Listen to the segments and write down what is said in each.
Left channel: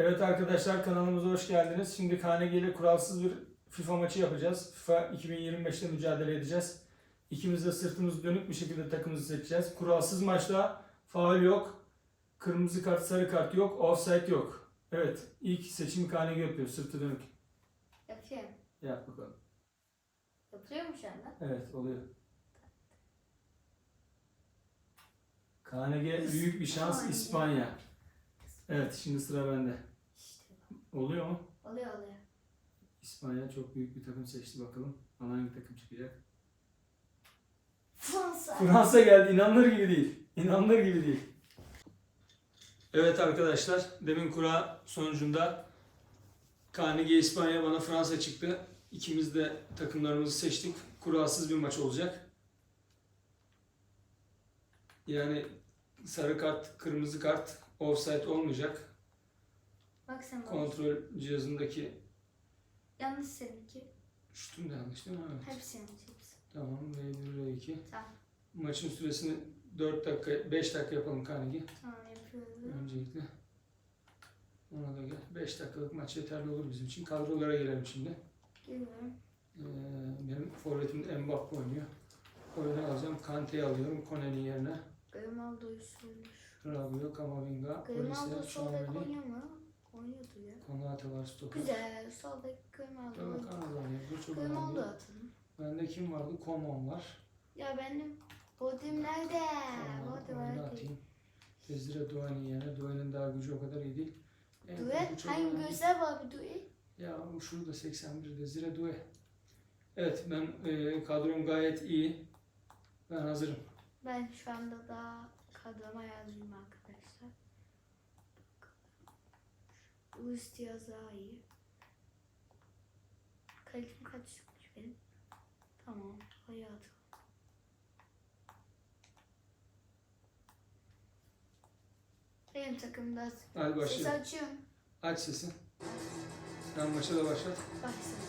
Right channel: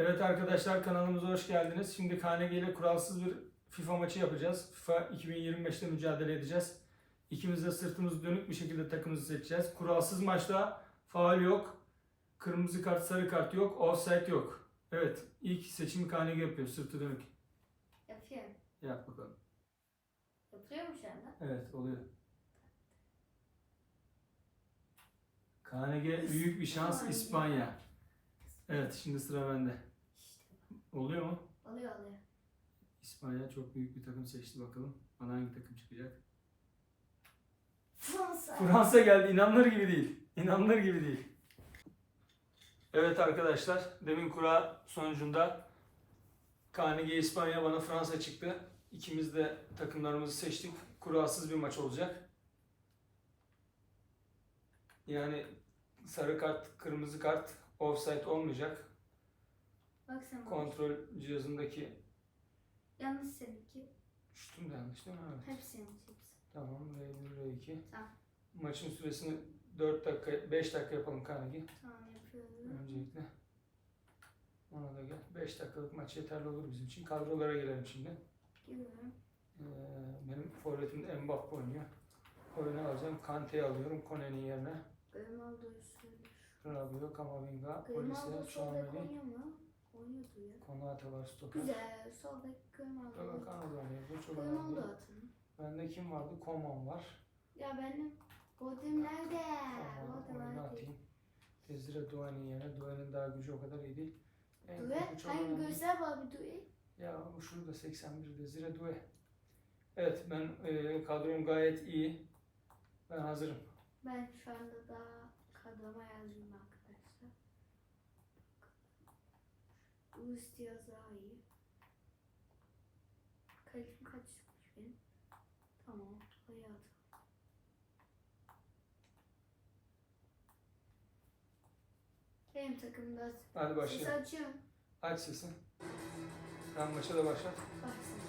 Evet arkadaşlar kanalımıza hoş geldiniz. Şimdi KNG ile kuralsız bir FIFA maçı yapacağız. FIFA 2025'te mücadele edeceğiz. İkimiz de sırtımız dönük bir şekilde takımımızı seçeceğiz. Kuralsız maçta faul yok. Kırmızı kart, sarı kart yok. Offside yok. Evet ilk seçimi KNG yapıyor sırtı dönük. Yapıyorum. Yap bakalım. Yapıyor mu şu anda? Evet oluyor. KNG büyük bir şans. İspanya. Evet şimdi sıra bende. Oluyor mu? oluyor oluyor. İspanya çok büyük bir takım seçti bakalım. Bana hangi takım çıkacak? Fransa. Fransa geldi. İnanılır gibi değil. İnanılır gibi değil. Evet arkadaşlar. Demin kura sonucunda KNG İspanya bana Fransa çıktı. İkimiz de takımlarımızı seçtik. Kurasız bir maç olacak. Yani sarı kart, kırmızı kart, offside olmayacak. Bak sen. Kontrol cihazındaki Yanlış seninki. şutum da yanlış değil mi? Evet. Hepsi yanlış hepsi. Tamam R1 R2. Tamam. Maçın süresini 4 dakika 5 dakika yapalım Carnegie. Tamam yapıyorum. Öncelikle ona da gel. 5 dakikalık maç yeterli olur bizim için. Kadrolara gelelim şimdi. Geliyorum. Ee, benim forvetim Mbappe oynuyor. Oyunu alacağım. Kante'yi alıyorum Kone'nin yerine. Grimaldo'yu söylüyor. Rabiot, Kamavinga, Polise, Şameli? Oynuyordu ya. Konate var stoper. Güzel. Sol bek Tabii. Bu çok Grimaldo önemli. atalım. Bende kim vardı? Koman var. Ya benim Bodim nerede? Koman nerede? atayım. Desire Doğan'ın yerine. Doğan'ın daha gücü o kadar iyi değil. Evet, Due. bu çok Hangi önemli. gözler var bir Due? Ya şurada 81 Desire Due. Evet ben e, kadrom gayet iyi. Ben hazırım. Ben şu anda daha kadroma yazıyorum arkadaşlar. Luis Diaz daha iyi. Kalitim kaç çıkmış benim? Tamam. Hayatım. Benim takımda Hadi ses başlayalım. açıyorum. Aç sesini. Sen maça da başlat. Baksana.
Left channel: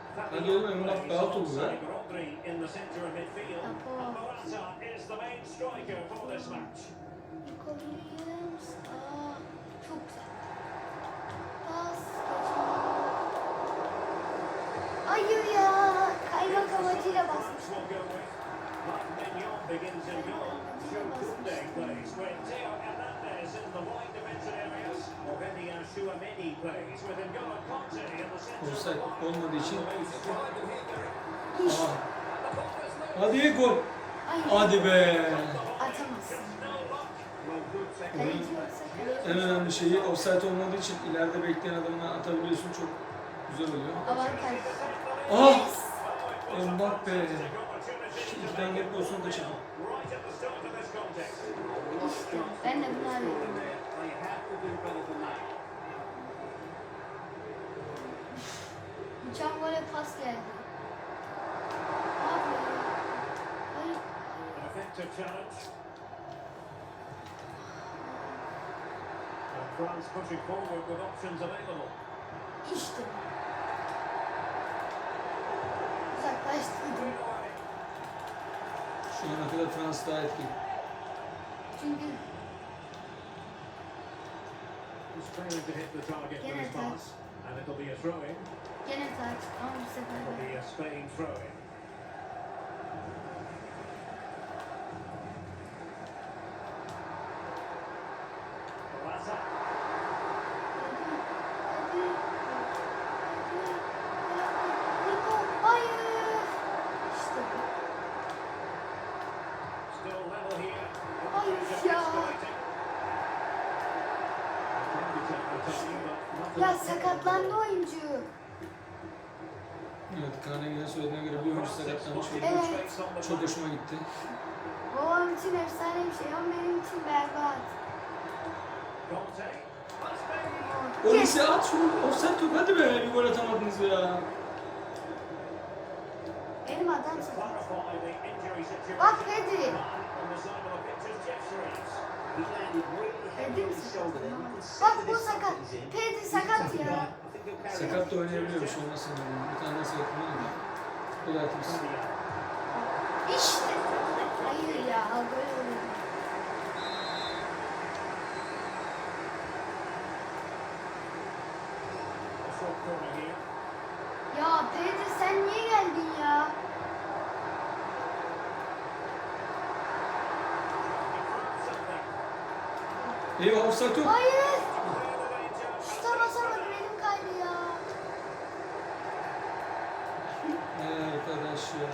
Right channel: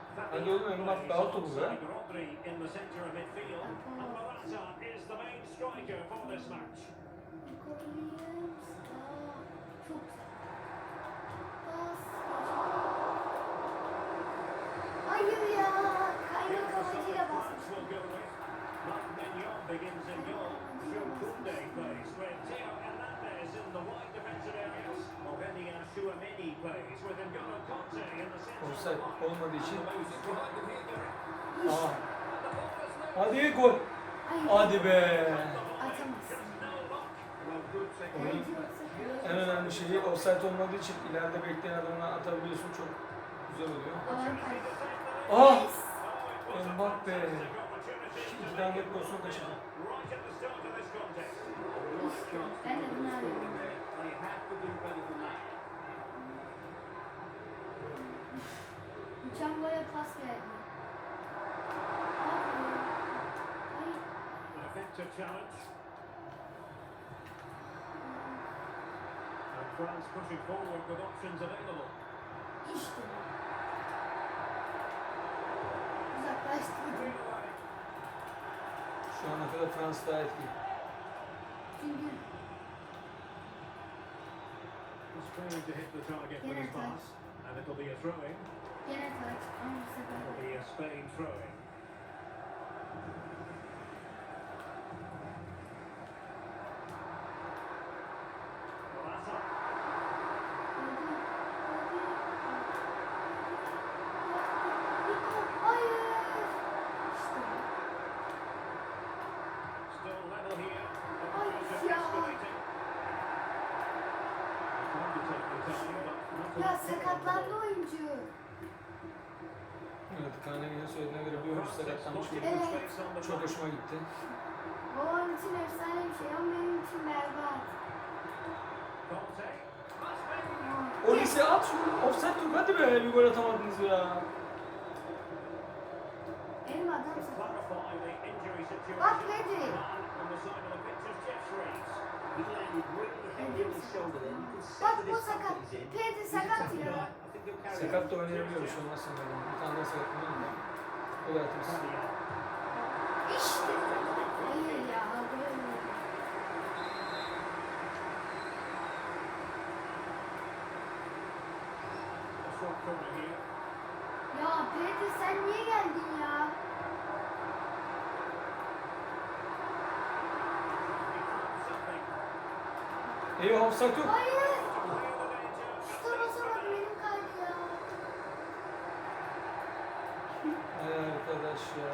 Hadi oğlum, Fabien Emrah plays daha topu alongside Rodri in the centre of midfield. And Laporte. Morata is the main striker for this match. Williams. Aa, çok güzel. Pas. Hayır ya. Kaymak Here's the amacıyla side basmış. France will go with. Marc Mignon begins in goal. Jules Koundé plays with Theo Hernandez in the wide defensive areas. Aurélien Chouameni plays with N'Golo Kanté in the centre of the Offside line. olmadığı için. Aha. Hadi gol. Hadi be. En önemli şeyi offside olmadığı için ileride bekleyen adamına atabiliyorsun. Çok güzel oluyor. Ah! Oh, Mbappe. Düzden gelip olsun dışarı. Effective challenge. And France pushing forward with options available. Şu ana kadar Fransa daha. Çünkü He's failing to hit the target with his pass. And it'll be a throw-in. gene taç. Ama bu sefer It'll be a Spain throw-in. Oyuncu sakatlanmış oldu. Evet. Çok hoşuma gitti. Babam için efsane bir şey ama benim için berbat. O lise at şunu. Offside top hadi be bir gol atamadınız ya. Benim adam sakat. Bak Pedri. Bak bu sakat. Pedri sakat ya. Sakat da oynayabiliyormuş olmasın. Bir tane de sakatlığı var. İşte. Hayır ya. Ya Pedri sen niye geldin ya? İyi offside yok. Hayır. Arkadaş ya.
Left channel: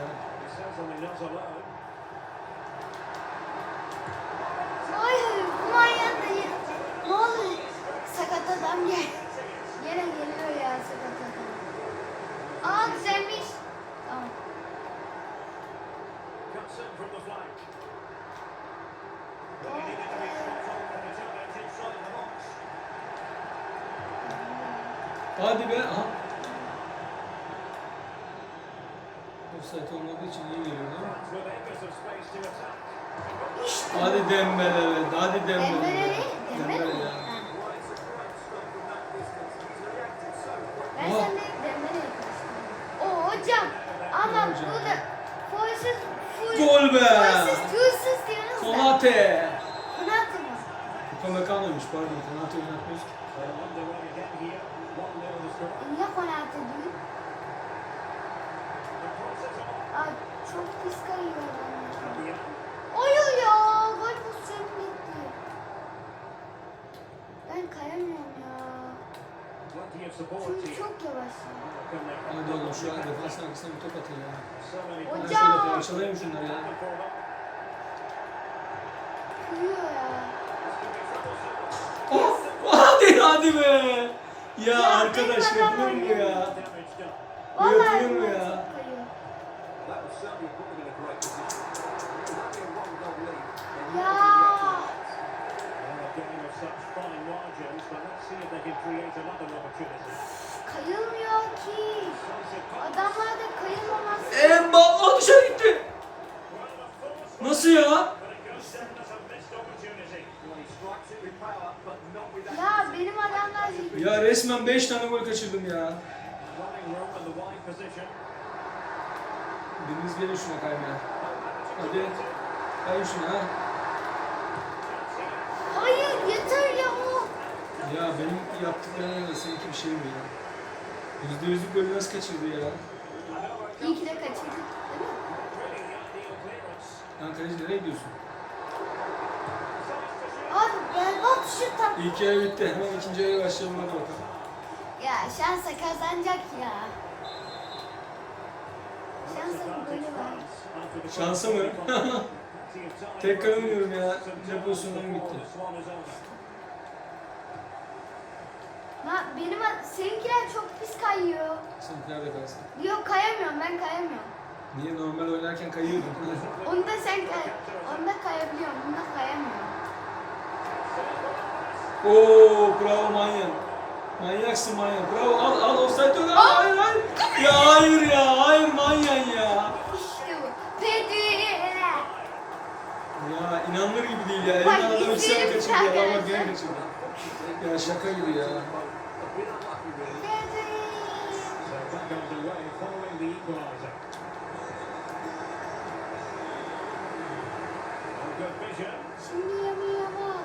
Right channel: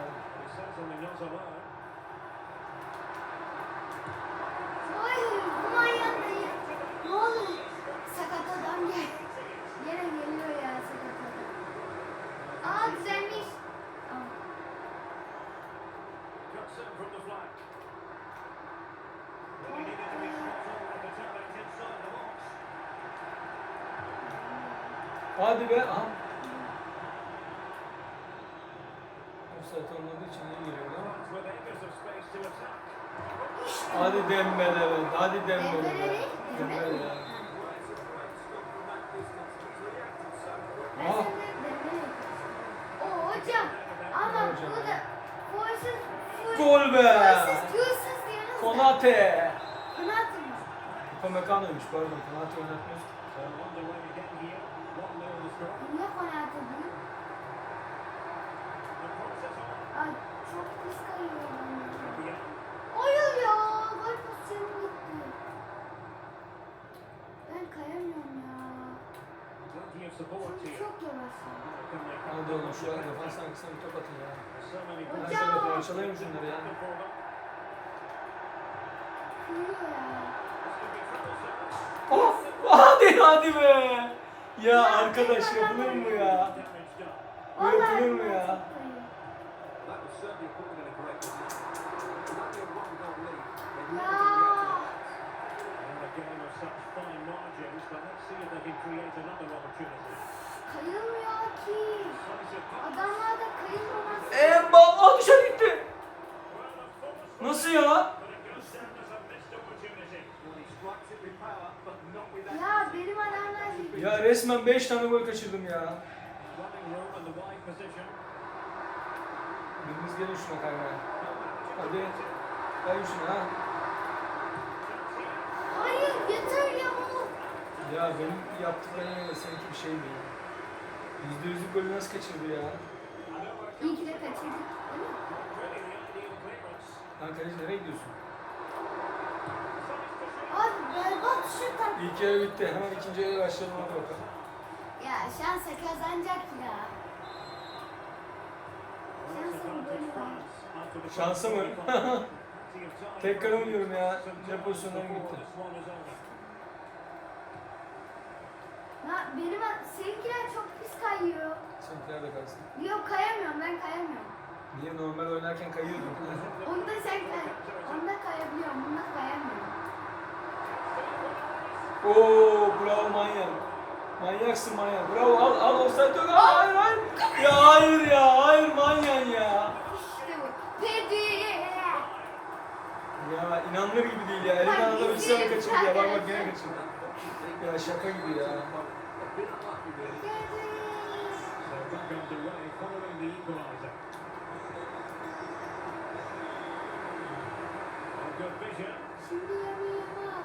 Hayır. Manyak değil. Ne olur. Sakat adam gel. Yine geliyor ya sakat adam. Aa düzelmiş. Tamam. Hadi be. Aha. Offside olmadığı için iyi mi? Hadi Dembele be. Hadi Dembele Dembele mi? ya. Hocam. Ama burada Forces full. Gol be. Forces fullsuz diyoruz. Konate. Konate? Upamecano'ymuş pardon. Konate oynatmıyoruz. Niye Konate diyor? Aa çok pis kayıyor. Hayır ya. Gol pozisyonu gitti. Ben kayamıyorum ya. Çünkü çok yavaş ya. Hadi oğlum şu arkasına bir top atın ya. Hocam. Parçalayın şunları ya. Ah, hadi hadi be. Ya arkadaş yapılır mı ya? Yapılır mı ya? kayıyor. Kayılmıyor ki. Adamlar da kayılmaması. Embal o dışarı gitti. Nasıl ya? Ya benim adamlar Ya resmen 5 tane gol kaçırdım ya. Biriniz gelin şuna kaymaya. Hadi. Kayın şuna ha. Hayır yeter ya. Ya benim yaptıklarına göre seninki bir şey mi ya? Yüzde yüzlük golü nasıl kaçırdı ya? İyi ki de kaçırdık. Lan kaleci nereye gidiyorsun? Abi berbat şut at. İlk yarı bitti. Hemen ikinci yarıya başlayalım hadi bakalım. Ya şansa kazanacak ya. Şansa mı golü var? Şansa mı? Tekrar oynuyorum ya. Ne pozisyondan bitti. Kayıyor. Sen nerede kalsın? Yok kayamıyorum ben kayamıyorum. Niye normal oynarken kayıyordun? Onda sen kay. Onda kayabiliyorum. Bunda kayamıyorum. Oo bravo manyak. Manyaksın manyak. Bravo al al offside. Aa, Hayır hayır. Ya hayır ya. Hayır manyak ya. İşte bu. Pedri. Ya inanılır gibi değil ya. Bak, Elinden adam bir izleyelim kaçırdı ya. Valla arkadaşlar. gene kaçırdı. Ya şaka gibi ya. A bit unlucky, really. Pedri. Şimdi Yamal Yamal.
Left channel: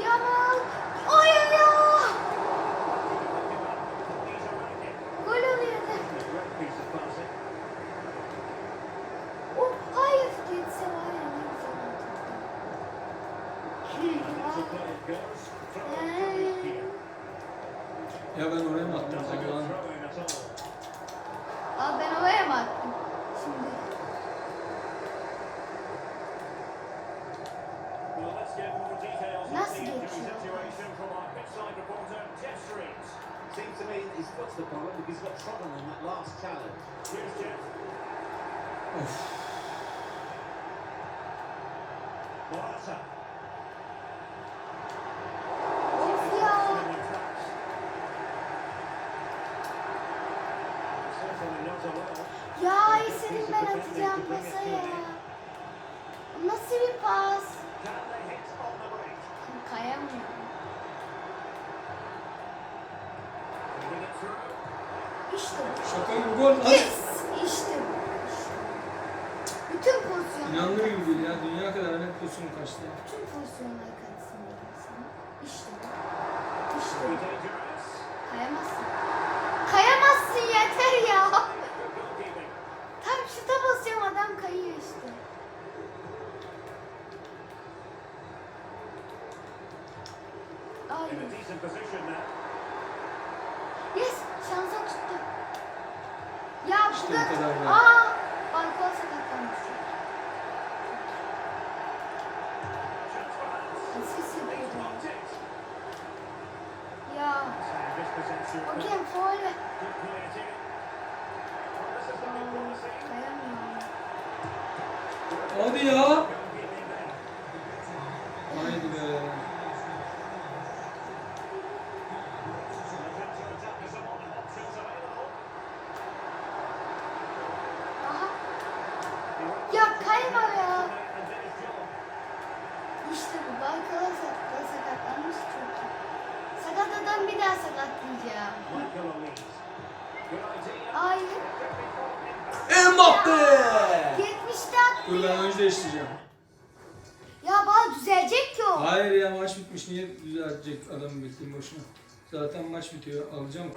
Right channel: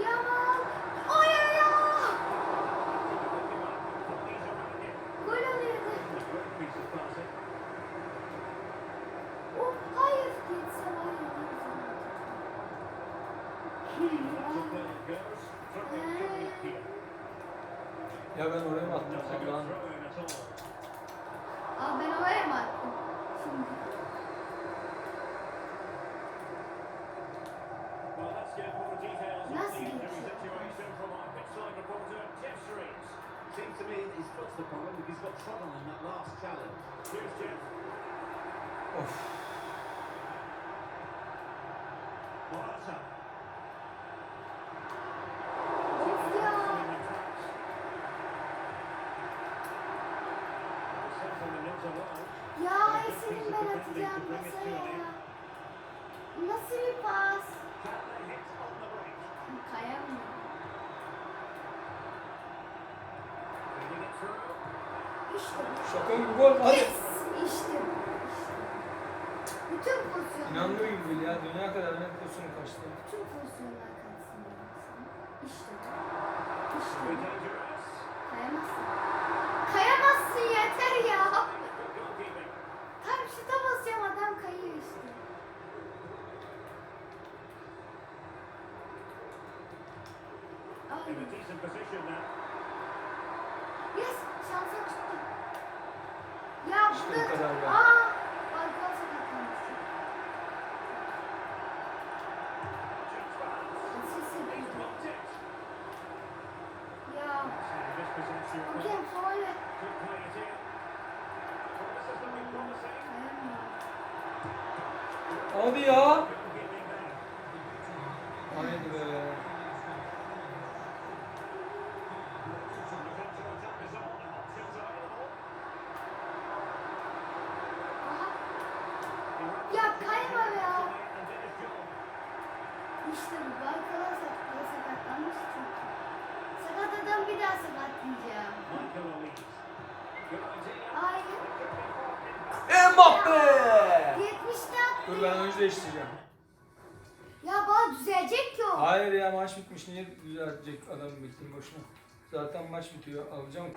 Yamal. Hayır ya. Gol oluyordu. Oh, hayır. Geçse var ya. ne güzel oldu. Ya ben oraya mı attım? Ulan. Aa, ben oraya mı attım? Şimdi. Well, let's get more details on Nasıl the injury geçiyor? situation from our pitchside reporter, Jeff Streets. Seems to me his foot's the problem because he's got trouble in that last challenge. Here's Jeff. Of. Morata. Ya. Ya senin ben atacağım masaya. Nasıl bir pas? Bu. Şaka gibi gol lan. Yes! Bu. Bu. Bütün pozisyonlar. İnanılır gibi değil ya. Dünya kadar net pozisyonu kaçtı. Bütün pozisyonlar kalsın dedim sana. İşte bu. İşte Be bu. dangerous. Kayamazsın. Kayamazsın yeter ya. Tam şuta basıyorum adam kayıyor işte. Ay. In a decent position now. Yes, it in. Well, this is looking promising. Kayamıyorum. Hadi ya. Goalkeeping there. Haydi be. The counter-attack is among the options available. Aha. He went Ya for kayma it ya. and did his job. İşte bu. Balkona sakatlan sakatlanmış çok iyi. Sakat adam bir daha sakatlayacağım. Michael Olise. Good idea. Ay. Mbappe. 70'te attı Dur ben önce değiştireceğim. Ya bana düzelecek ki o. Hayır ya maç bitmiş. Niye düzeltecek adamı bekleyeyim boşuna. Zaten maç bitiyor. Alacağım.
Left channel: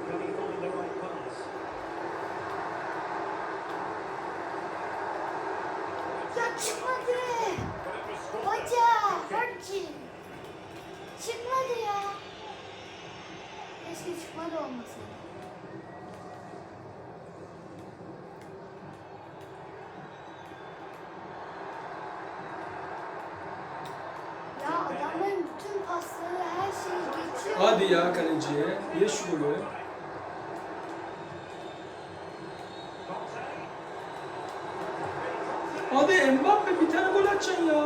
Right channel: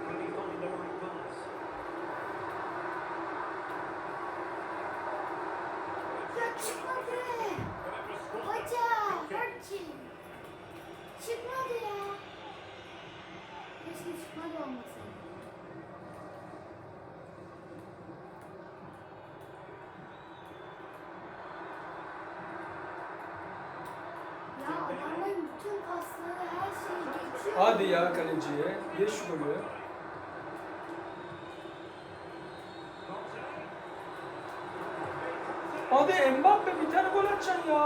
Hadi ya kaleciye. Ye şu golü. Hadi Mbappe bir tane gol atacaksın ya.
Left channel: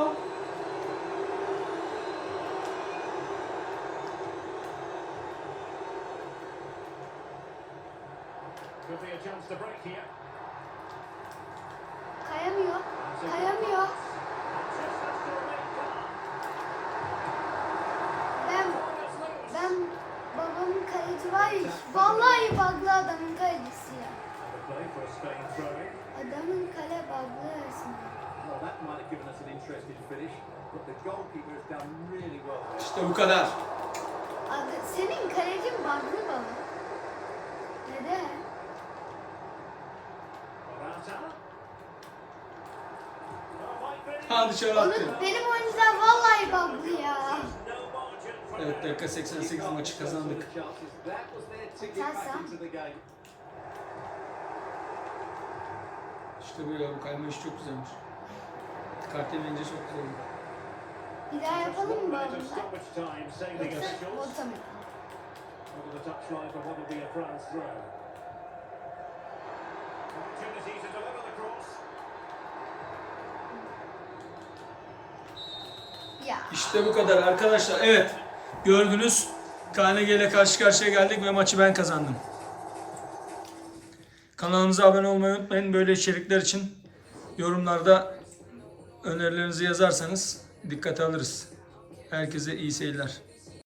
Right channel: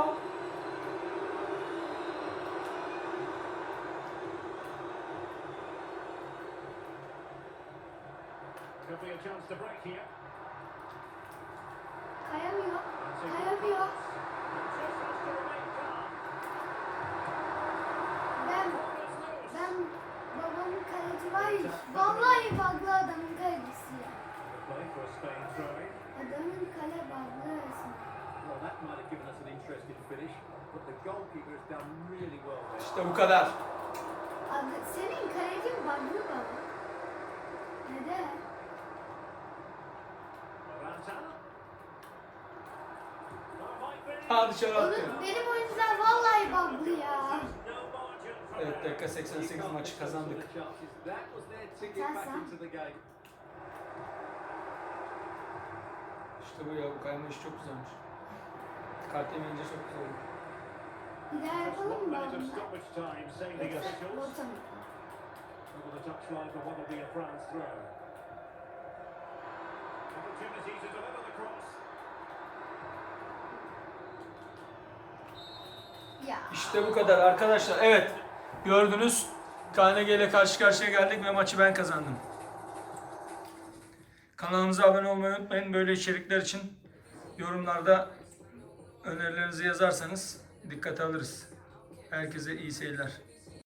Could be a chance to break here. İşte bu kadar. Abi senin kalecin baglı baba. Neden? Ha dışarı Onun, attı. benim oyuncular vallahi baglı ya. Evet dakika 88 maçı kazandık. İşte bu ya bu kayma işi çok güzelmiş. Kart yemeyince çok güzel oldu. Bir daha yapalım mı. Ortamı. Over the touchline for what will be a France throw. Opportunity to deliver the cross. Ya. İşte bu kadar arkadaşlar. Evet gördünüz KNG ile karşı karşıya geldik ve maçı ben kazandım. Kanalımıza abone olmayı unutmayın. Böyle içerikler için yorumlarda önerilerinizi yazarsanız dikkate alırız. Herkese iyi seyirler.